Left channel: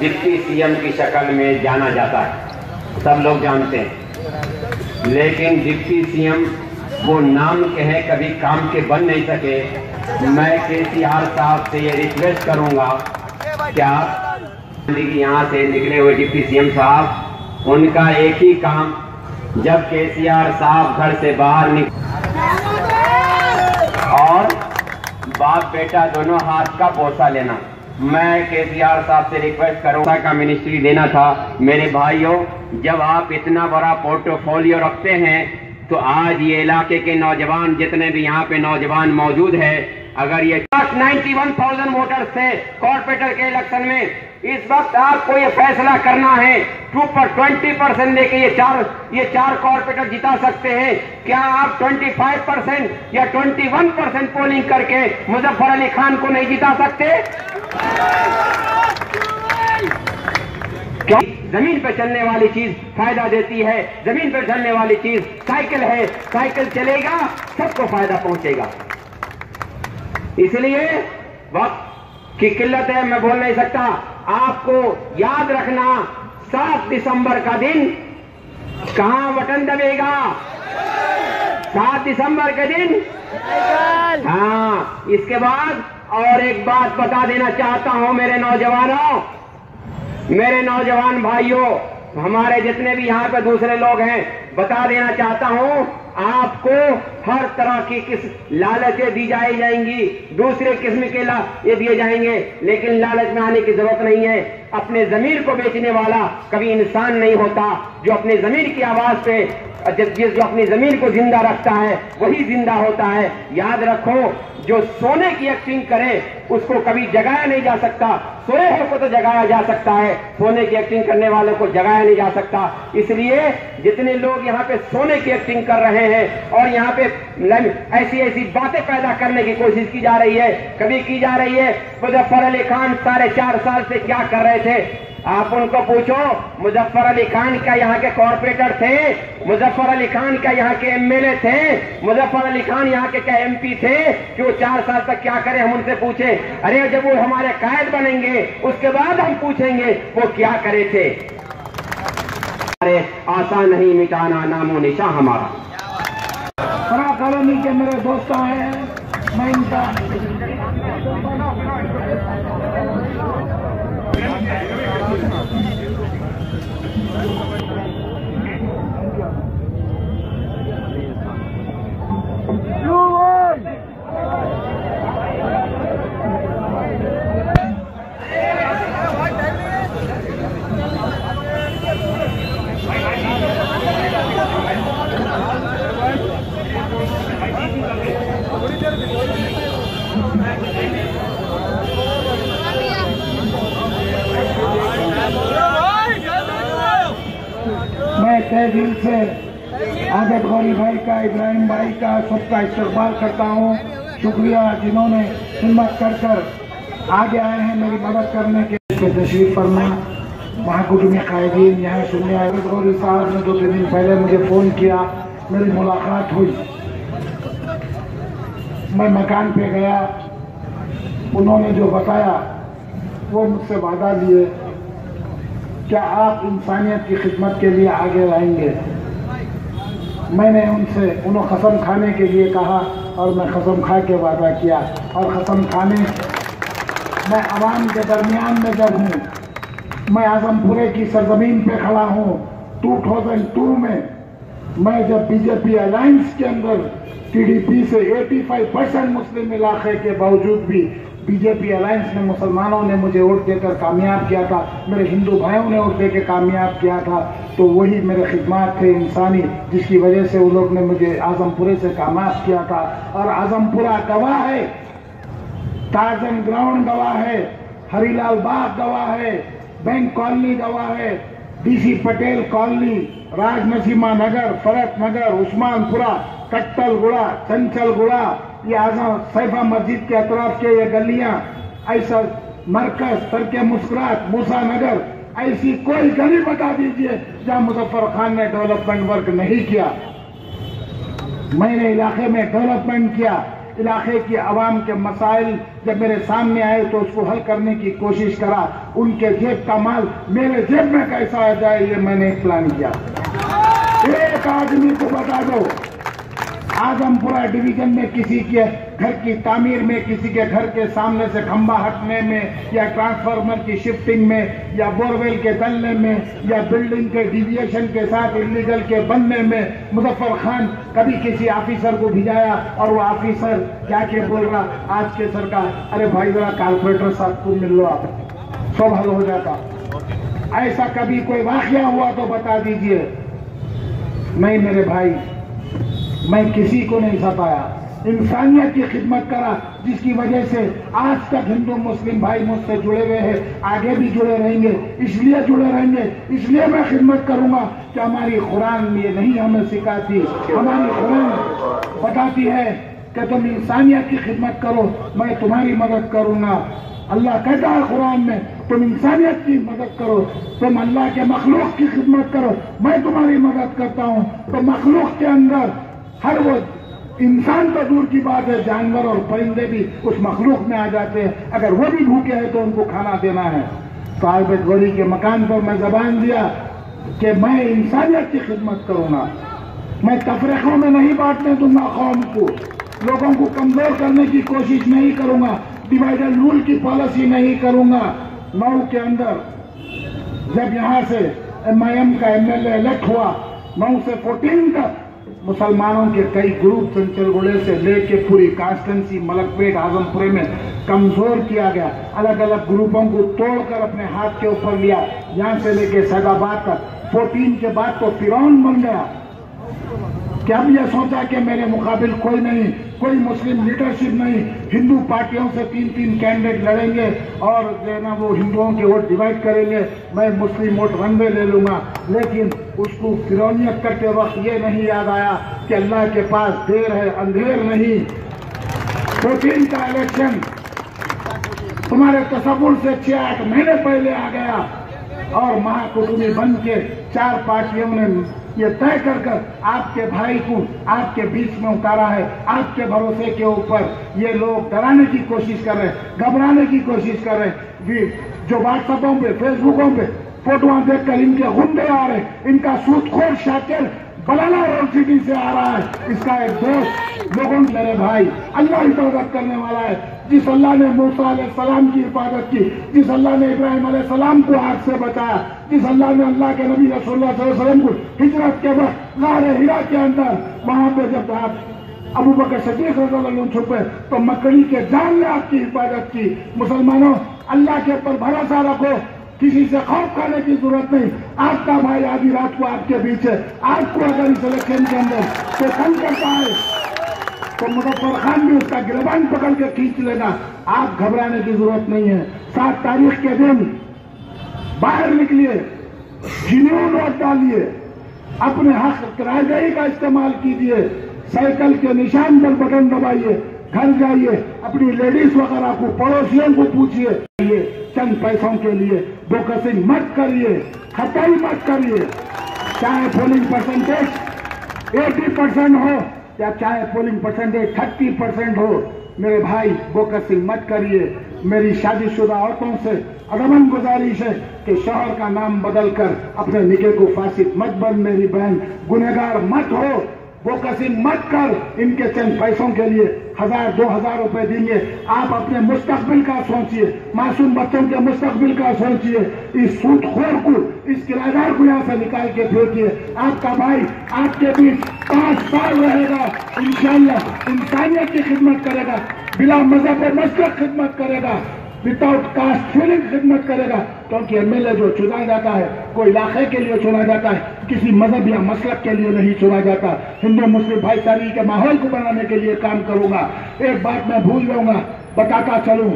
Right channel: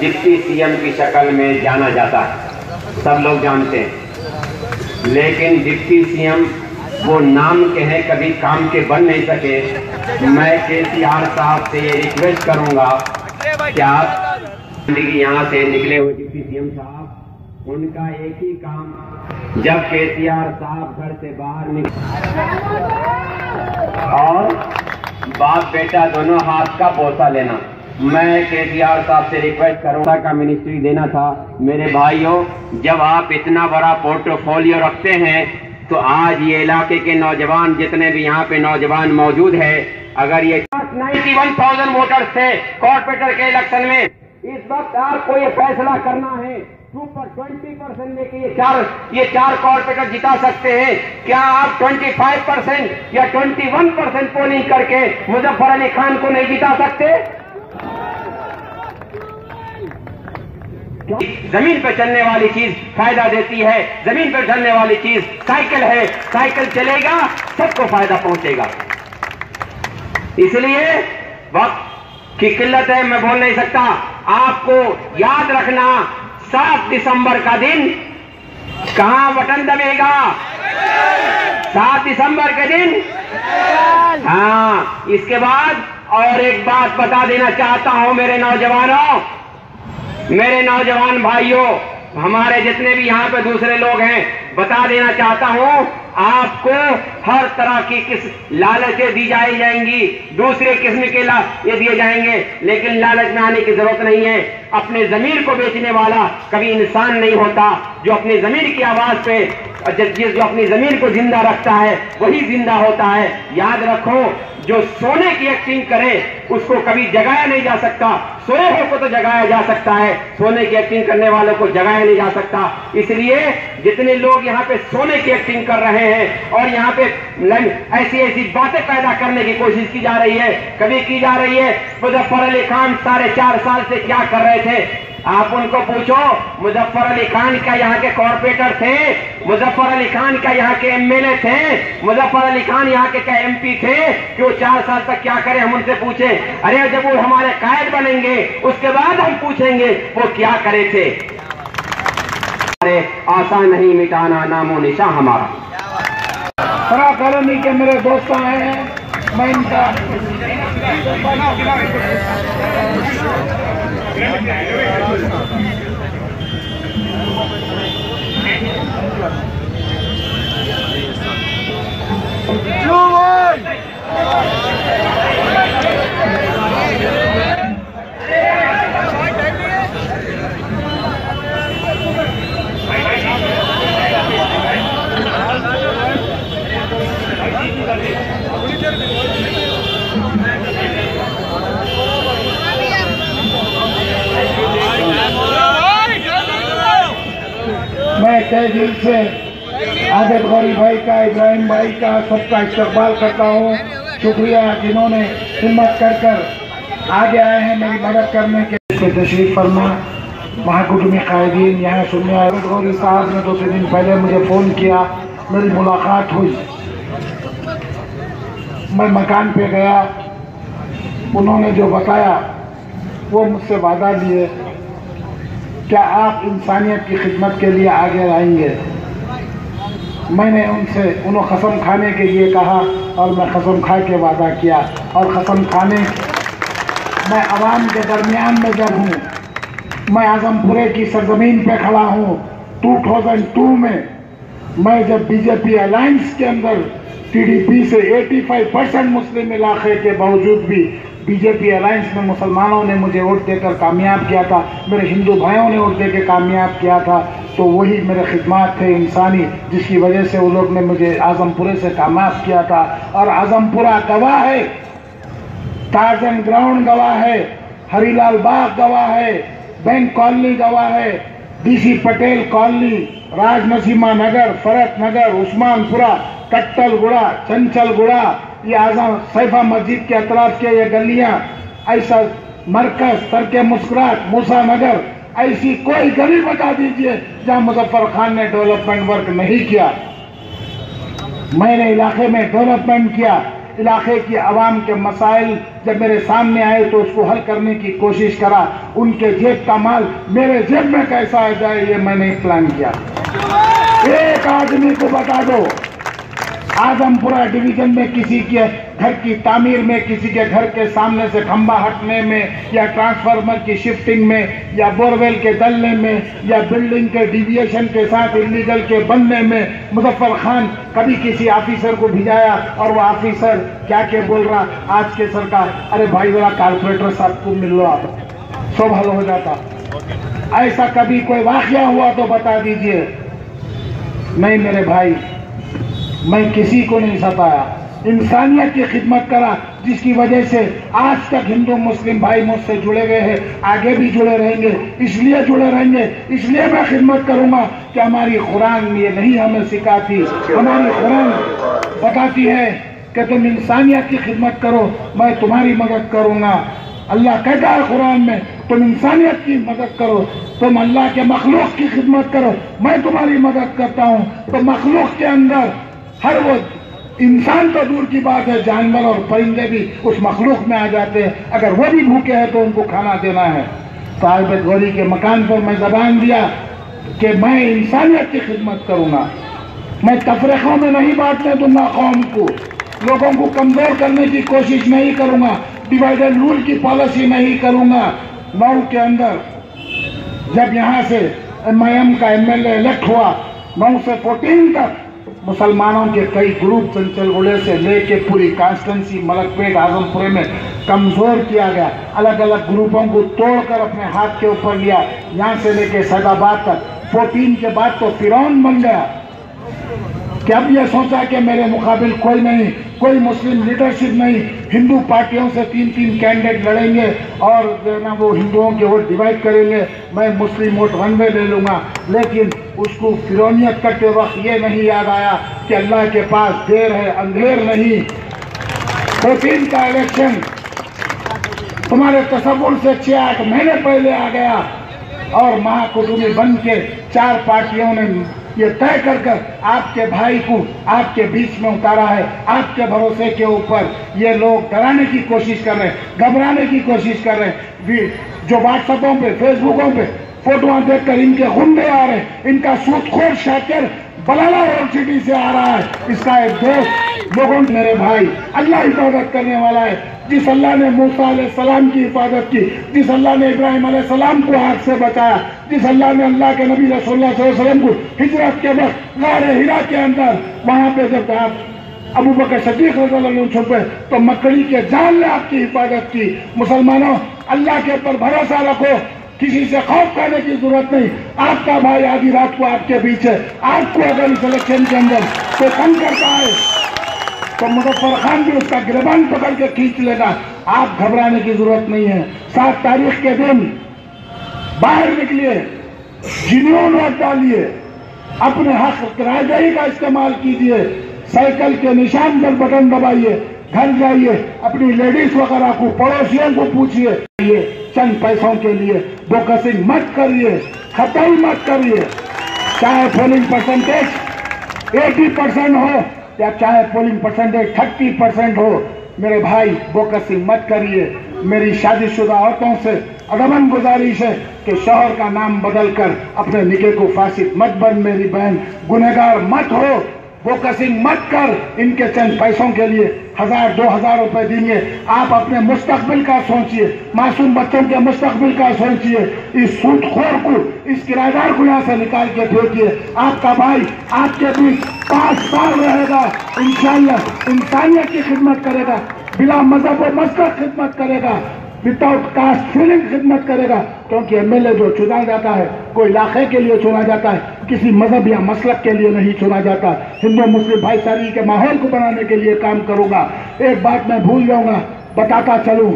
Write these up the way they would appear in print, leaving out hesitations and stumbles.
Deputy CM की शक्ल में जाना जाता है, सब लोग जानते हैं। लेकिन डिप्टी सीएम वो नाम के हैं, कभी काम के बन नहीं सके। मैं केसीआर साहब से ये रिक्वेस्ट करूंगा कि आप यहाँ से निकले हुए डिप्टी सीएम साहब, उनका एक ही काम, जब केसीआर साहब घर से बाहर और बाप बेटा दोनों हाथ का बोसा लेना, मैं केसीआर साहब से रिक्वेस्ट करूंगा का मिनिस्ट्री देना था। मेरे भाइयों, जब आप इतना बड़ा पोर्टफोलियो रखते हैं तो आज ये इलाके के नौजवान, जितने भी यहाँ पे नौजवान मौजूद है, अगर ये 91,000 वोटर्स थे कॉर्पोरेटर के इलेक्शन में, इस वक्त आपको ये फैसला करना है 20% लेके ये चार कॉर्पोरेटर जिता सकते हैं। क्या आप 25% या 21% पोलिंग करके मुजफ्फर अली खान को नहीं जिता सकते? क्यों? जमीन पर चलने वाली चीज फायदा देती है, जमीन पर चलने वाली चीज साइकिल है, साइकिल चलेगा सबको फायदा पहुंचेगा। इसलिए वक्त की किल्लत है, मैं बोल नहीं सकता। आपको याद रखना, 7 दिसंबर का दिन कहां बटन दबेगा? 7 दिसंबर के दिन। हाँ, इसके बाद और एक बात बता देना चाहता हूं मेरे नौजवानों, मेरे नौजवान भाइयों, हमारे जितने भी यहाँ पे दूसरे लोग हैं, बता देना चाहता हूं, आपको हर तरह की लालचें दी जाएंगी, दूसरे किस्म के ये दिए जाएंगे, लेकिन लालच में आने की जरूरत नहीं है। अपने जमीर को बेचने वाला कभी इंसान नहीं होता। जो अपने जमीर की आवाज पे, जो अपनी जमीर को जिंदा रखता है वही जिंदा होता है। याद रखो, जो सोने की एक्टिंग करे उसको कभी जगाया नहीं जा सकता, सोए हो को तो जगाया जा सकता है, सोने की एक्टिंग करने वालों को जगाया नहीं जा सकता। इसलिए जितने लोग यहाँ पे सोने की एक्टिंग कर रहे हैं और यहाँ पे ऐसी ऐसी बातें पैदा करने की कोशिश की जा रही है, कभी की जा रही है। मुजफ्फर अली खान 4.5 साल से क्या कर रहे थे? आप उनको पूछो, मुजफ्फर अली खान क्या यहाँ के कॉर्पोरेटर थे? मुजफ्फर अली खान क्या यहाँ के एमएलए थे? मुजफ्फर अली खान यहाँ के क्या एमपी थे कि वो 4 साल तक क्या करे? हम उनसे पूछे, अरे जब वो हमारे कायद बनेंगे उसके बाद हम पूछेंगे वो क्या करे थे। अरे आसान नहीं मिटाना नामो निशान हमारा। खरा कॉलोनी के मेरे दोस्त आए हैं, मैं इनका तहे दिल से आदत गौरी भाई का, इब्राहिम भाई का, सबका इस्तकबाल करता हूँ। शुक्रिया जिन्होंने हिम्मत कर कर आगे आए हैं मेरी मदद करने के। तशरीफ फरमा महाकुटुंबी कायदीन यहाँ सुनने आए। आदत गौरी साहब ने 2-3 दिन पहले मुझे फ़ोन किया, मेरी मुलाकात हुई, मैं मकान पे गया, उन्होंने जो बताया वो मुझसे वादा लिए, क्या आप इंसानियत की खिदमत के लिए आगे आएंगे? मैंने उनसे उन्हें कसम खाने के लिए कहा और मैं कसम खा के वादा किया। और कसम खाने मैं आवाम के दरमियान में जब हूँ, मैं आजमपुरे की सरजमीन पे खड़ा हूँ। 2002 में मैं जब बीजेपी अलायंस के अंदर टीडीपी से 85% मुस्लिम इलाके के बावजूद भी बीजेपी अलायंस में मुसलमानों ने मुझे वोट देकर कामयाब किया था, मेरे हिंदू भाइयों ने वोट देकर कामयाब किया था, तो वही मेरे खिदमत थे इंसानी, जिसकी वजह से वो लोग ने मुझे आजमपुरे से कामयाब किया था। और आजमपुरा गवाह है, टार्जन ग्राउंड गवाह है, हरीलाल बाग गवाह है, बैंक कॉलोनी गवाह है, डीसी पटेल कॉलोनी, राजनसीमा नगर, फरत नगर, उस्मानपुरा, कट्टलगुड़ा, चंचलगुड़ा, ये आजम सैफा मस्जिद के अतराफ के ये गलियां, ऐसा मरकज, तरके मुस्कुरात, मूसा नगर, ऐसी कोई गली बता दीजिए जहां मुजफ्फर खान ने डेवलपमेंट वर्क नहीं किया। मैंने इलाके में डेवलपमेंट किया, इलाके की आवाम के मसाइल जब मेरे सामने आए तो उसको हल करने की कोशिश करा। उनके जेब का माल मेरे जेब में कैसा आ जाए ये मैंने प्लान किया। एक आदमी को बता दो, आजमपुरा डिवीजन में किसी के घर की तामीर में, किसी के घर के सामने से खंबा हटने में, या ट्रांसफार्मर की शिफ्टिंग में, या बोरवेल के डलने में, या बिल्डिंग के डिविएशन के साथ इलीगल के बनने में मुजफ्फर खान कभी किसी ऑफिसर को भिजाया और वो ऑफिसर क्या बोल रहा, आज के सरकार, अरे भाई जरा कारपोरेटर साहब को मिल लो, आप सब हल हो जाता। ऐसा कभी कोई वाकया हुआ तो बता दीजिए। नहीं मेरे भाई, मैं किसी को नहीं सताया, इंसानियत की खिदमत करा, जिसकी वजह से आज तक हिंदू मुस्लिम भाई मुझसे जुड़े हुए हैं, आगे भी जुड़े रहेंगे। इसलिए जुड़े रहेंगे, इसलिए मैं खिदमत करूंगा कि हमारी कुरान ये नहीं हमें सिखाती। हमारी कुरान बताती है कि तुम इंसानियत की खिदमत करो, मैं तुम्हारी मदद करूंगा। अल्लाह कहता है कुरान में, तुम इंसानियत की मदद करो, तुम अल्लाह के मखलूक की खिदमत करो, मैं तुम्हारी मदद करता हूं। तो मखलूक के अंदर हर वो इंसान तो दूर की बात है, जानवर और परिंदे भी उस मखलूक में आ जाते हैं। अगर वो भी भूखे हैं तो उनको खाना देना है। साहिब गौरी के मकान पर मैं जबान दिया कि मैं इंसानियत की खिदमत करूंगा, मैं तफरीकों में नहीं बांटने दूंगा कौम को, लोगों को कमजोर करने की कोशिश नहीं करूंगा, डिवाइडेड रूल की पॉलिसी नहीं करूंगा। 9 के अंदर जब यहाँ से MIM का MLA इलेक्ट हुआ, 9 से 14 तक मुसलमानों के कई ग्रुप चंचलगुड़े से लेके पूरी कॉन्स्टिट्यूंसी मलकपेट आजमपुरे में कमजोर किया गया। अलग अलग ग्रुपों को तोड़कर अपने हाथ के ऊपर लिया, यहाँ से लेके सैदाबाद तक। 14 के बाद तो फिरौन बन गया कि अब यह सोचा कि मेरे मुकाबिल कोई नहीं, कोई मुस्लिम लीडरशिप नहीं, हिंदू पार्टियों से 3-3 कैंडिडेट लड़ेंगे और जो ना वो हिंदुओं के वोट डिवाइड करेंगे, मैं मुस्लिम वोट वनवे ले लूंगा। लेकिन उसको फिरौनियत करते वक्त ये नहीं याद आया कि अल्लाह के पास देर है, अंधेर नहीं। 14 का इलेक्शन तुम्हारे तसव्वुर से 6-8 महीने पहले आ गया और महाकुटुंबी बन के 4 पार्टियों ने ये तय कर आपके भाई को आपके बीच में उतारा है। आपके भरोसे के ऊपर ये लोग डराने की कोशिश कर रहे हैं, घबराने की कोशिश कर रहे हैं। जो व्हाट्सएपों पे, फेसबुकों पे फोटोआं देखकर इनके गुंडे आ रहे हैं, इनका सूदखोर शाकिर बलाला रोड सिटी से आ रहा है, इसका एक दोस्त। लोगों मेरे भाई, अल्लाह हिफाजत करने वाला है। जिस अल्लाह ने मूसा अलैहिस्सलाम की हिफाजत की, जिस अल्लाह ने इब्राहिम अलैहिस्सलाम को आग से बचाया, जिस अल्लाह ने अल्लाह के नबी रसूलुल्लाह सल्लल्लाहु अलैहि वसल्लम को हिजरत के वक्त गारे हिरा के अंदर वहां पे जब अबू बकर सिद्दीक रज़ियल्लाहु अन्हु छुपे तो मकड़ी के जान ने आपकी हिफाजत की। मुसलमानों, अल्लाह के ऊपर भरोसा रखो, किसी से खौफ करने की जरूरत नहीं। आपका भाई आधी रात को आपके बीच है। आपको अगर इस इलेक्शन के अंदर कोई तंग करता है तो मुजफ्फर खान भी उसका गिरबान पकड़ के खींच लेगा। आप घबराने की जरूरत नहीं है। 7 तारीख के दिन बाहर निकलिए, जिन्हों वोट डालिए, अपने हक राजदारी का इस्तेमाल कीजिए, साइकिल के निशान पर बटन दबाइए, घर जाइए, अपनी लेडीज वगैरह को, पड़ोसियों को पूछिए। चंद पैसों के लिए बोकसिंग मत करिए, खताई मत करिए। चाहे पोलिंग परसेंटेज 80% हो या चाहे पोलिंग परसेंटेज 30% हो, मेरे भाई बोकसिंग मत करिए। मेरी शादीशुदा औरतों से अदमन गुजारिश है कि शौहर का नाम बदलकर अपने निके को फासिद मत बन। मेरी बहन, गुनहगार मत हो, फोकसिंग मत कर। इनके चंद पैसों के लिए 1000-2000 रुपए देंगे। आप अपने मुस्तकबिल का सोचिए, मासूम बच्चों के मुस्तकबिल का सोचिए। इस सूदखोर को, इस किराएदार को यहाँ से निकाल के फेंकिए। आपका भाई आपके बीच 5 साल रहेगा, इंशाअल्लाह इंसानियत की खिदमत करेगा, बिला मजहब और मसलक खिदमत करेगा, विदाउट कास्ट फीलिंग खिदमत करेगा। क्योंकि एमएलए जो चुना जाता है कोई इलाके के लिए चुना जाता है, किसी मजहब या मसलक के लिए नहीं चुना जाता। हिंदू मुस्लिम भाईचारे के माहौल को बनाने के लिए काम करूंगा। एक बात मैं भूल जाऊंगा, बताता चलूं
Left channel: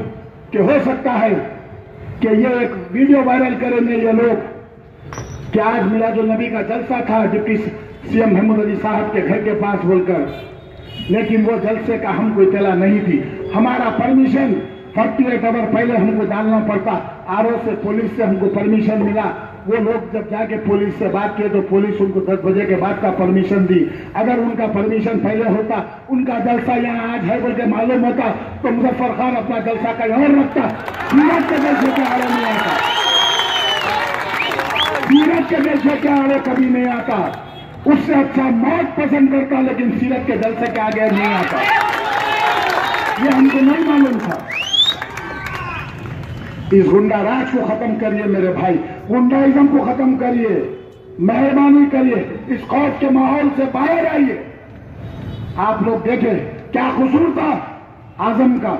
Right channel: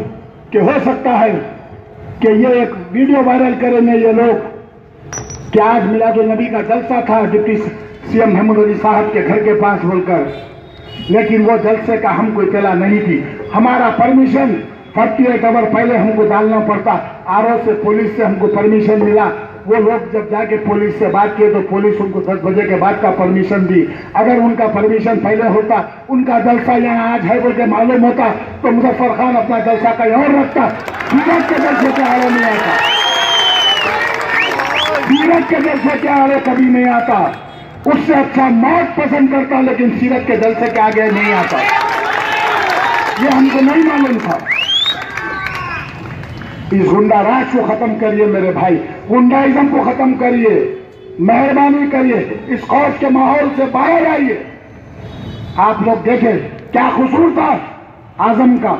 कि हो सकता है कि ये एक वीडियो वायरल करेंगे ये लोग कि आज मिलादुन्नबी का जलसा था डिप्टी सीएम महमूद अली साहब के घर के पास बोलकर, लेकिन वो जलसे का हमको इत्तला नहीं थी। हमारा परमिशन 48 आवर पहले हमको डालना पड़ता। आरओ से, पुलिस से हमको परमिशन मिला। वो लोग जब जाके पुलिस से बात किए तो पुलिस उनको 10 बजे के बाद का परमिशन दी। अगर उनका परमिशन पहले होता, उनका जलसा यहाँ आज है बोल के मालूम होता, तो मुजफ्फर खान अपना जलसा कहीं और रखता। सीरत के जलसे के आड़े नहीं आता, सीरत के जलसे के आड़े कभी नहीं आता। उससे अच्छा मौत पसंद करता, लेकिन सीरत के जलसे के आगे नहीं आता। ये हमको नहीं मालूम था। इस गुंडा राज को खत्म करिए मेरे भाई, गुंडाइज्म को खत्म करिए, मेहरबानी करिए, इस खौफ के माहौल से बाहर आइए। आप लोग देखें क्या कसूर था आजम का,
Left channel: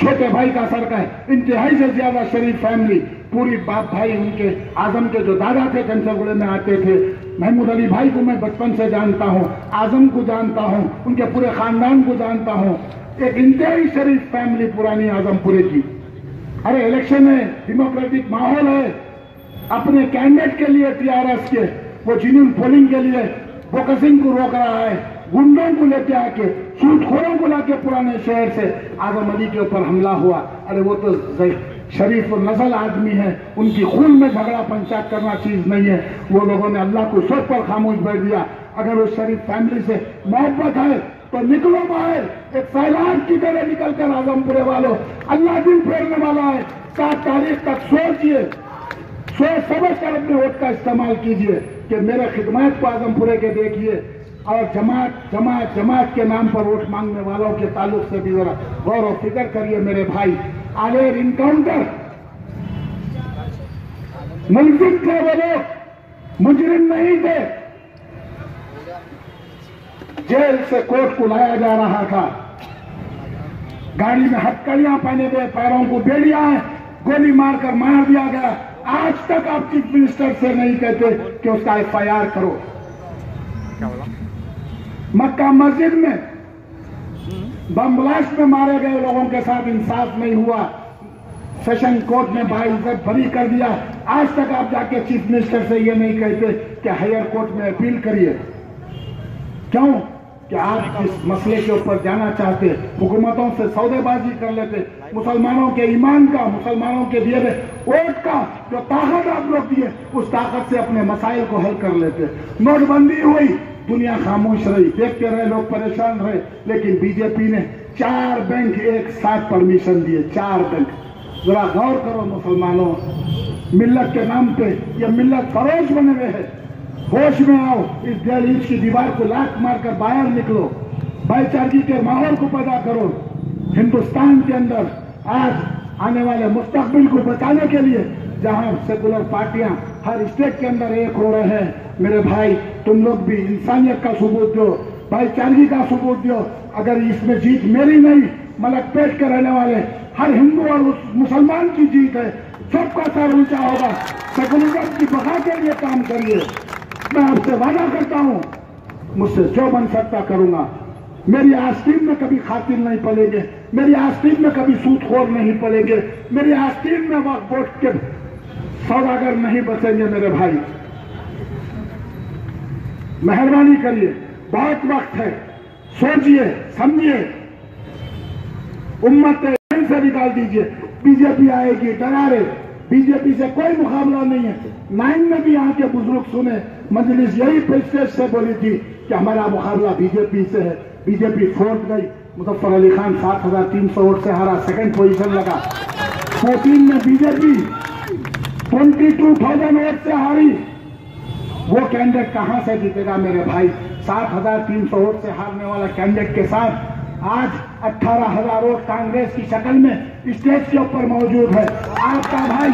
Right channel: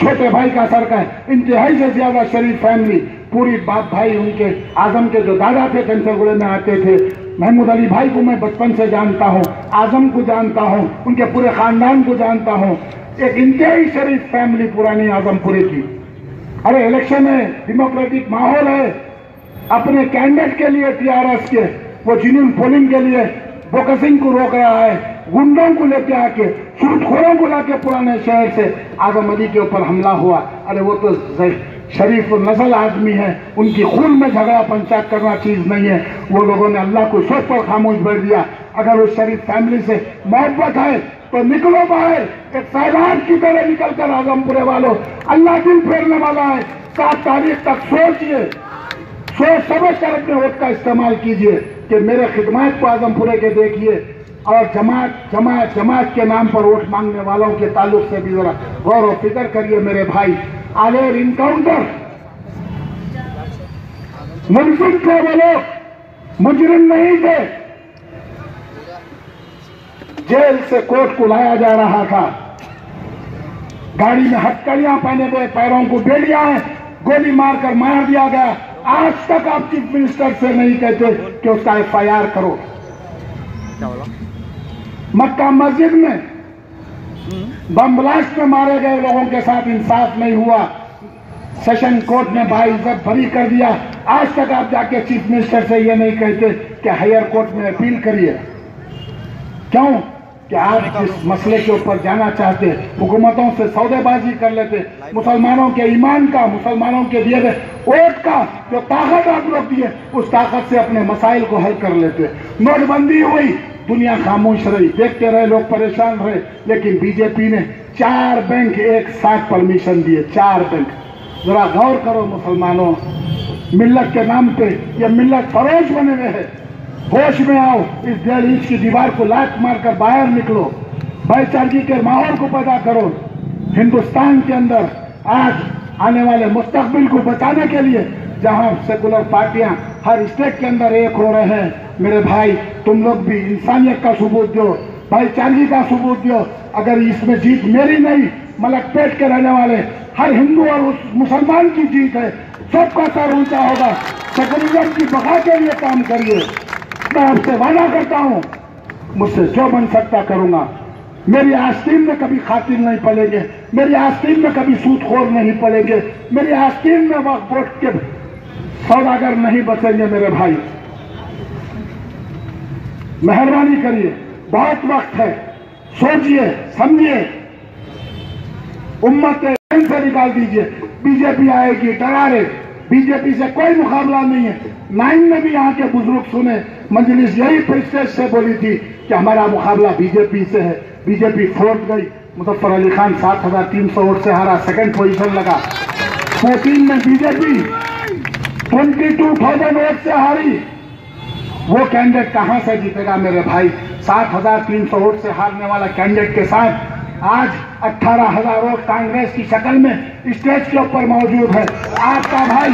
छोटे भाई का सर का, इंतहाई से ज्यादा शरीफ फैमिली, पूरी बाप भाई उनके आजम के जो दादा थे कैंसरगुड़े में आते थे। महमूद अली भाई को मैं बचपन से जानता हूं, आजम को जानता हूं, उनके पूरे खानदान को जानता हूं। एक इंतहाई शरीफ फैमिली पुरानी आजमपुरे की। अरे इलेक्शन है, डेमोक्रेटिक माहौल है, अपने कैंडिडेट के लिए टीआरएस के वो जिन्होंने पोलिंग के लिए फोकसिंग को रोक रहा है, गुंडों को लेके आके, सूदखोरों को लाके पुराने शहर से आजम अली के ऊपर हमला हुआ। अरे वो तो शरीफ नस्ल आदमी है, उनकी खून में झगड़ा पंचायत करना चीज नहीं है। वो लोगों ने अल्लाह को सोच पर खामोश बैठ दिया। अगर उस शरीफ फैमिली से मोहब्बत है तो निकलो बाहर, एक सैलाब की तरह निकलकर आजमपुरे वालों, अल्लाह दिल फेरने वाला है। 7 तारीख तक सोचिए, सोच समझ कर अपने वोट का इस्तेमाल कीजिए कि मेरे खिदमत को आजमपुरे के देखिए, और जमात के नाम पर वोट मांगने वालों के ताल्लुक से भी जरा गौर और फिक्र करिए मेरे भाई। आलेर इनकाउंटर मुलजिम थे वो लोग, मुजरिम नहीं थे। जेल से कोर्ट को लाया जा रहा था, गाड़ी में हथकड़ियां पहने हुए, पैरों को बेड़ियां हैं, गोली मारकर मार दिया गया। आज तक आप चीफ मिनिस्टर से नहीं कहते कि उसका एफआईआर करो। मक्का मस्जिद में बम ब्लास्ट में मारे गए लोगों के साथ इंसाफ नहीं हुआ, सेशन कोर्ट ने बाइज्जत बरी कर दिया। आज तक आप जाके चीफ मिनिस्टर से ये नहीं कहते कि हायर कोर्ट में अपील करिए। क्यों? कि आप जिस मसले के ऊपर जाना चाहते, हुकूमतों से सौदेबाजी कर लेते, मुसलमानों के ईमान का, मुसलमानों के दिए गए वोट का जो ताकत आप लोग दिए, उस ताकत से अपने मसाइल को हल कर लेते। नोटबंदी हुई, दुनिया खामोश रही, देखते रहे, लोग परेशान रहे, लेकिन बीजेपी ने 4 बैंक एक साथ परमिशन दिए। 4 बैंक। जरा गौर करो मुसलमानों, मिल्लत के नाम पे ये मिल्लत फरोश बने हुए हैं। होश में आओ, इस 1.5 इंच की दीवार को लात मारकर बाहर निकलो, भाईचारगी के माहौल को पैदा करो। हिंदुस्तान के अंदर आज आने वाले मुस्तकबिल को बचाने के लिए जहां सेकुलर पार्टियां हर स्टेट के अंदर एक हो रहे हैं, मेरे भाई तुम लोग भी इंसानियत का सबूत दो, भाईचारगी का सबूत दो। अगर इसमें जीत मेरी नहीं, मलकपेट के रहने वाले हर हिंदू और उस मुसलमान की जीत है, सबका सर ऊंचा होगा। सेकुलरिज्म की बका के लिए काम करिए। मैं आपसे वादा करता हूं, मुझसे जो बन सकता करूंगा। मेरी आस्तीन में कभी खातिर नहीं पलेंगे, मेरी आस्तीन में कभी सूदखोर नहीं पलेंगे, मेरी आस्तीन में वक्त वोट के सौदागर नहीं बचेंगे। मेरे भाई मेहरबानी करिए, बहुत वक्त है, सोचिए समझिए, उम्मत से निकाल दीजिए। बीजेपी आएगी, डरा रहे, बीजेपी से कोई मुकाबला नहीं है। 9 में भी यहाँ के बुजुर्ग सुने, मजलिस यही प्रेस्टेज से बोली थी कि हमारा मुकाबला बीजेपी से है। बीजेपी फोर्थ गई, मुजफ्फर अली खान 7,300 वोट से हारा, सेकंड पोजीशन लगा। 14 में बीजेपी 22,000 वोट से हारी। वो कैंडिडेट कहां से जीतेगा मेरे भाई? 7,300 वोट से हारने वाला कैंडिडेट के साथ आज 18,000 वोट कांग्रेस की शक्ल में स्टेज के ऊपर मौजूद है। आपका भाई,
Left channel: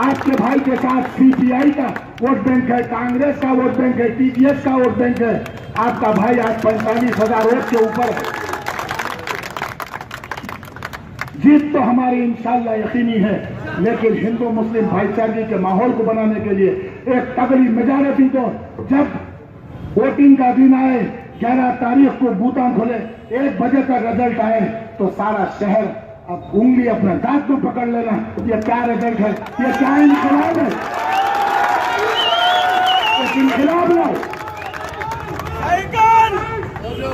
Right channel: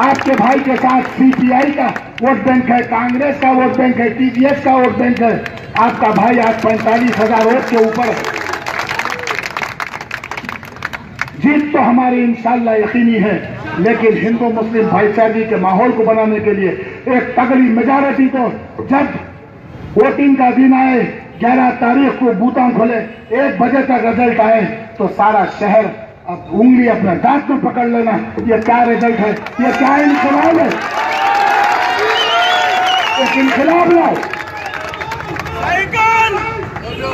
आपके भाई के साथ सीपीआई का वोट बैंक है, कांग्रेस का वोट बैंक है, टीडीएस का वोट बैंक है। आपका भाई आज 45,000 वोट के ऊपर। जीत तो हमारी इंशाल्लाह यकीनी है, लेकिन हिंदू मुस्लिम भाईचारे के माहौल को बनाने के लिए एक तगड़ी मेजॉरिटी तो जब वोटिंग का दिन आए, 11 तारीख को बूथा खोले, 1 बजे तक रिजल्ट आए, तो सारा शहर अब उंगली अपना दांत में पकड़ लेना, ये क्या रिजल्ट है, ये क्या इनकलाब है। एक इनकलाब लाओ,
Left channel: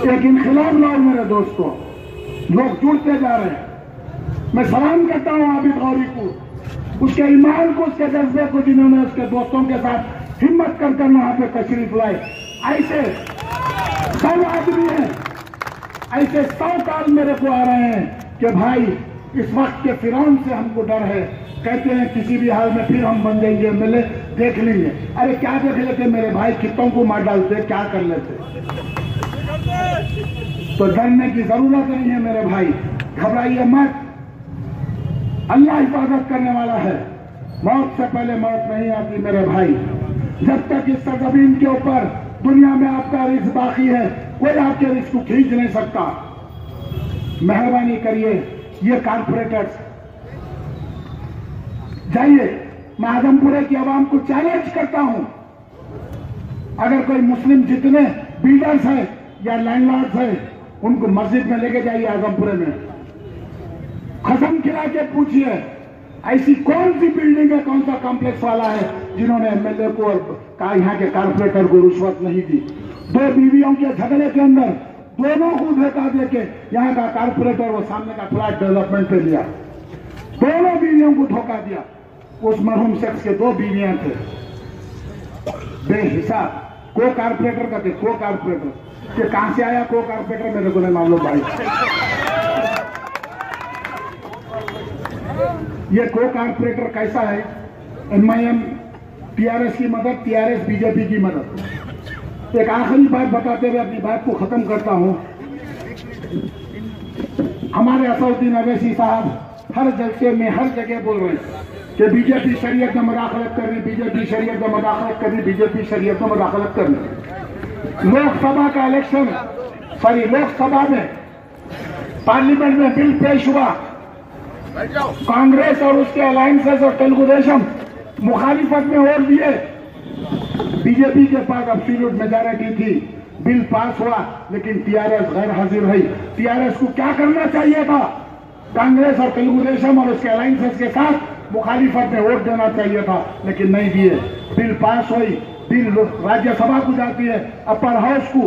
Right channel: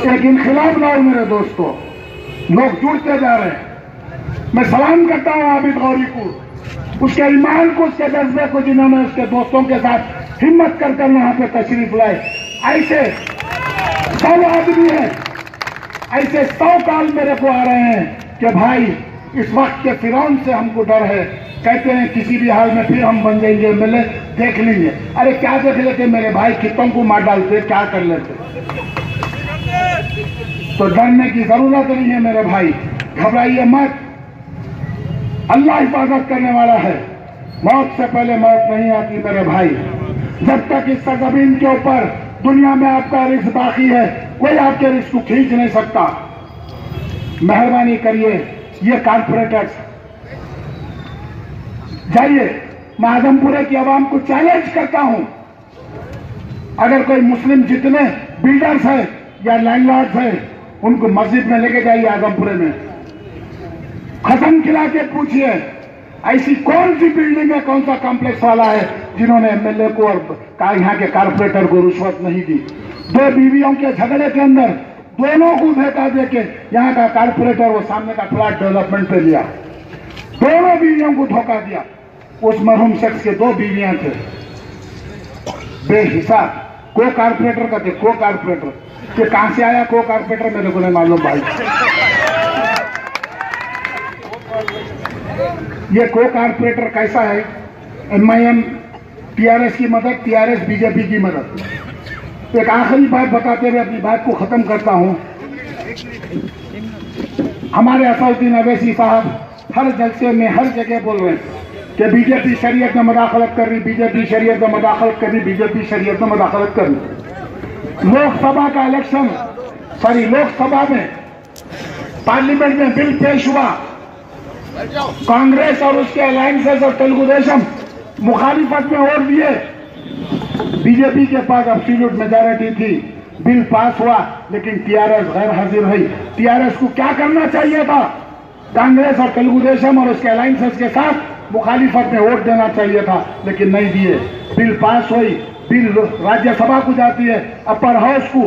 एक इनकलाब लाओ मेरे दोस्तों। लोग जुड़ते जा रहे हैं। मैं सलाम करता हूं आबिद गौरी को, उसके ईमान को, उसके जज्बे को, जिन्होंने उसके दोस्तों के साथ हिम्मत कर वहां पे तशरीफ लाए। ऐसे 100 आदमी हैं, ऐसे 100 कॉल मेरे को आ रहे हैं कि भाई इस वक्त के फिरौन से हमको डर है, कहते हैं किसी भी हाल में फिर हम बन जाएंगे, मिले देख लेंगे। अरे क्या देख लेते मेरे भाई, कितनों को मार डालते, क्या कर लेते। तो डरने की जरूरत नहीं है मेरे भाई, घबराइए मत। अल्लाह हिफाजत करने वाला है, मौत से पहले मौत नहीं आती मेरे भाई। जब तक इस सरजमीन के ऊपर दुनिया में आपका रिस्क बाकी है, कोई आपके रिस्क को खींच नहीं सकता। मेहरबानी करिए, ये कारपोरेटर्स जाइए, मैं आजमपुरे की आवाम को चैलेंज करता हूं, अगर कोई मुस्लिम जितने बिल्डर्स हैं या लैंडलॉर्ड्स हैं, उनको मस्जिद में लेके जाइए आजमपुरे में, कसम खिला के पूछिए ऐसी कौन सी बिल्डिंग है, कौन सा कॉम्प्लेक्स वाला है जिन्होंने एमएलए को और यहाँ के कारपोरेटर को रुश्वत नहीं दी। 2 बीवियों के झगड़े के अंदर दोनों को धोखा देके यहाँ का कारपोरेटर वो सामने का फ्लैट डेवलपमेंट पे लिया, दोनों बीवियों को धोखा दिया। उस मरहूम शख्स के 2 बीवियां थे, बेहिसाब को कारपोरेटर का थे, को कारपोरेटर। ये कहां से आया को कारपोरेटर मेरे को नहीं मालूम भाई। ये को कारपोरेटर कैसा है, MIM TRS की मदद, TRS बीजेपी की मदद। एक आखिरी बात बताते हुए अपनी बात को खत्म करता हूं। हमारे असदुद्दीन अवैसी साहब हर जलसे में हर जगह बोल रहे हैं कि बीजेपी शरीयत में मदाखलत कर रही, बीजेपी शरीयत में मदाखलत कर रही, बीजेपी शरीयत में मदाखलत कर रही। लोकसभा का इलेक्शन, लोकसभा में पार्लियामेंट में बिल पेश हुआ, कांग्रेस और उसके अलायंसेस और तेलुगु देशम मुखालिफत में वोट दिए, बीजेपी के पास एब्सोल्यूट मेजॉरिटी थी, बिल पास हुआ, लेकिन टीआरएस गैर हाजिर रही। टीआरएस को क्या करना चाहिए था, कांग्रेस और तेलुगु देशम और उसके अलायंसेस के साथ मुखालिफत में वोट देना चाहिए था, लेकिन नहीं दिए। बिल पास हुई, बिल राज्यसभा को जाती है, अपर हाउस को।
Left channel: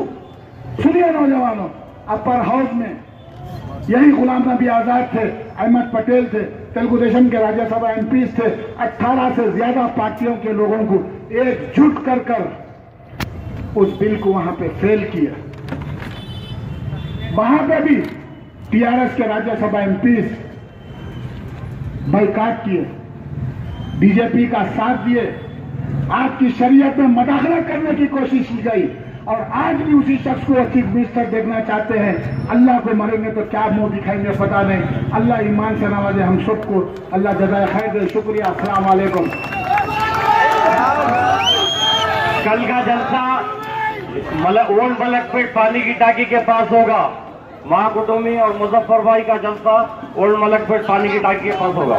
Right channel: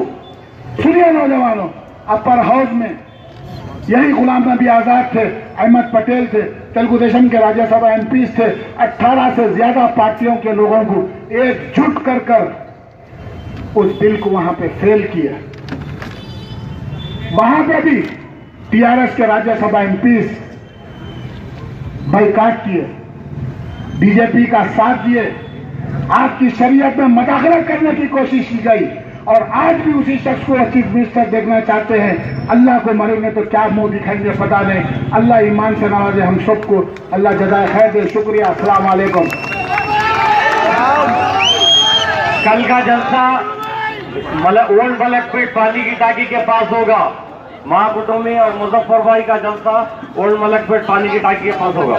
सुनिए नौजवानों, अपर हाउस में यही गुलाम नबी आजाद थे, अहमद पटेल थे, तेलुगु देशम के राज्यसभा एमपीज थे, 18 से ज्यादा पार्टियों के लोगों को एकजुट कर उस बिल को वहां पे फेल किया। वहां पे भी टीआरएस के राज्यसभा एमपीज बाइकाट किए, बीजेपी का साथ दिए, आपकी शरीयत में मदाखलत करने की कोशिश की गई, और आज भी उसी शख्स को चीफ मिनिस्टर देखना चाहते हैं। अल्लाह को मरेंगे तो क्या मुंह दिखाएंगे पता नहीं। अल्लाह ईमान से नवाजे हम सबको, अल्लाह जज़ाए खैर दे। शुक्रिया, अस्सलाम वालेकुम। कल का जलसा ओल्ड मलकपेट पानी की टाकी के पास होगा। महाकुटुंबी और मुजफ्फर भाई का जलसा ओल्ड मलकपेट पानी की टाकी के पास होगा।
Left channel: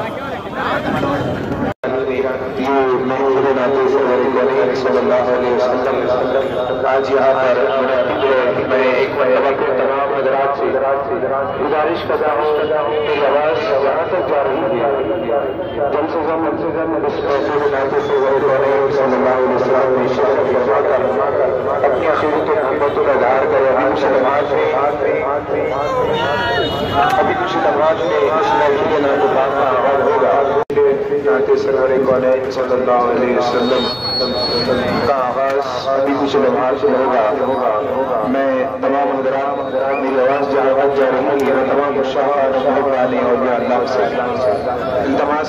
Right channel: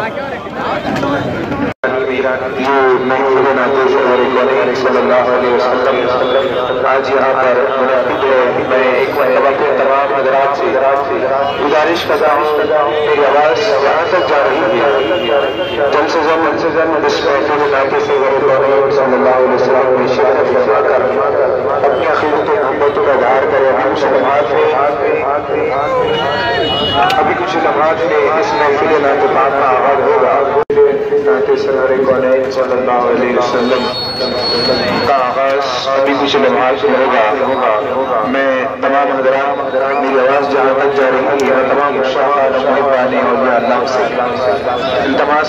आज यहाँ पर मैं एक तमाम हजरात से गुजारिश कर रहा हूँ, मेरी आवाज़ यहाँ तक जा रही है। जल्द से जल्द इस महफिल इलाके से सल्लल्लाहु अलैहि वसल्लम में शिरकत फरमाकर अपनी अक़ीदत और मोहब्बतों का इज़हार करें। अभी कुछ लम्हात में इस महफिल नातिक़ात का आगाज़ होगा। सल्लल्लाहु अलैहि वसल्लम का आगाज़ अभी कुछ लम्हात में होगा। मैं तमाम हज़रात, मेरी आवाज़ जहाँ तक जा रही है, मैं तमाम शाह और अल्लाह से इल्तमास